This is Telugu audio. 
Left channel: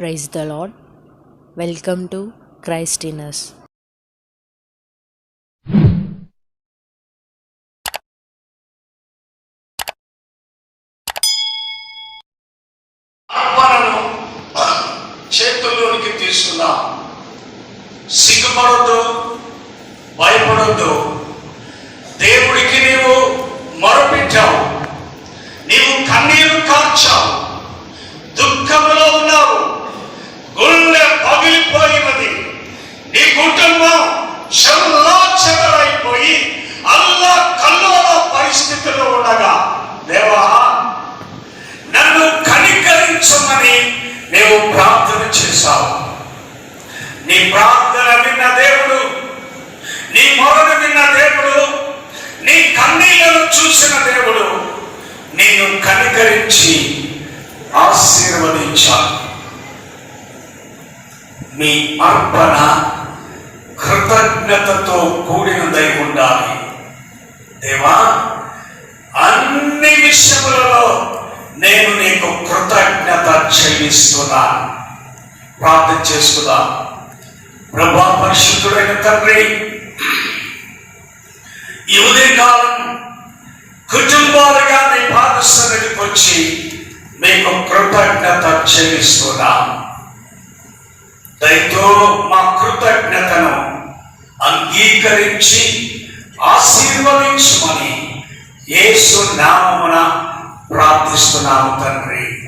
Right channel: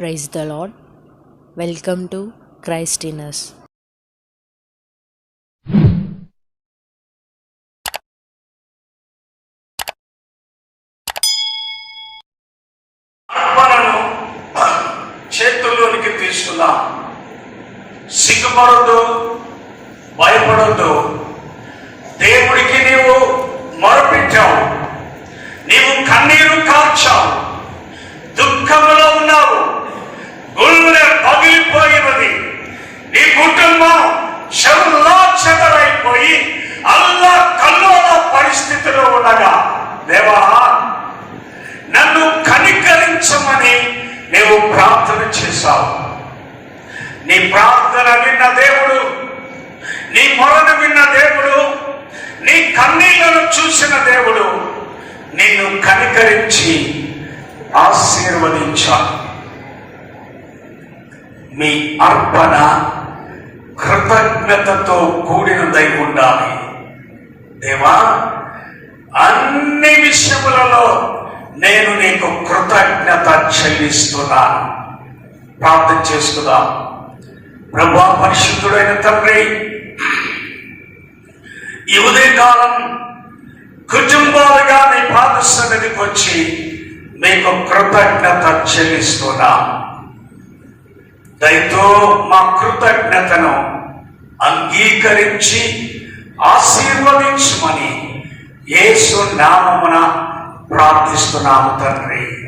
Praise the Lord welcome to క్రైస్టినస్ ఇనర్స్ చేతుల్లోనికి తీసుకుందాం సిగ్గుపడద్దు భయపడద్దు. దేవుడికి నీవు మొరపెట్టావు నీవు కన్నీరు కార్చావు. నీవు ప్రార్థన చేశావు. నీ ప్రార్థన విన్న దేవుడు నీ మొరను విన్న దేవుడు నీ కన్నీళ్ళను చూసిన దేవుడు నిన్ను కనికరించి ఆశీర్వదించాడు. మీ అర్పణ కృతజ్ఞతతో కూడినదై ఉండాలి. దేవా అన్ని విషయములలో నేను నీకు కృతజ్ఞత చెల్లిస్తున్నాను. ప్రార్థన చేసుకుందాం. ప్రభా పరిశుద్ధుడైన తండ్రి ఈ ఉదయకాలం కుటుంబాలుగా మీ పాదస్థానికి వచ్చి మీకు కృతజ్ఞత చెల్లిస్తున్నాం దయతో మా కృతజ్ఞతను అంగీకరించి ఆశీర్వదించమని యేసు నామమున ప్రార్థిస్తున్నాము తండ్రి.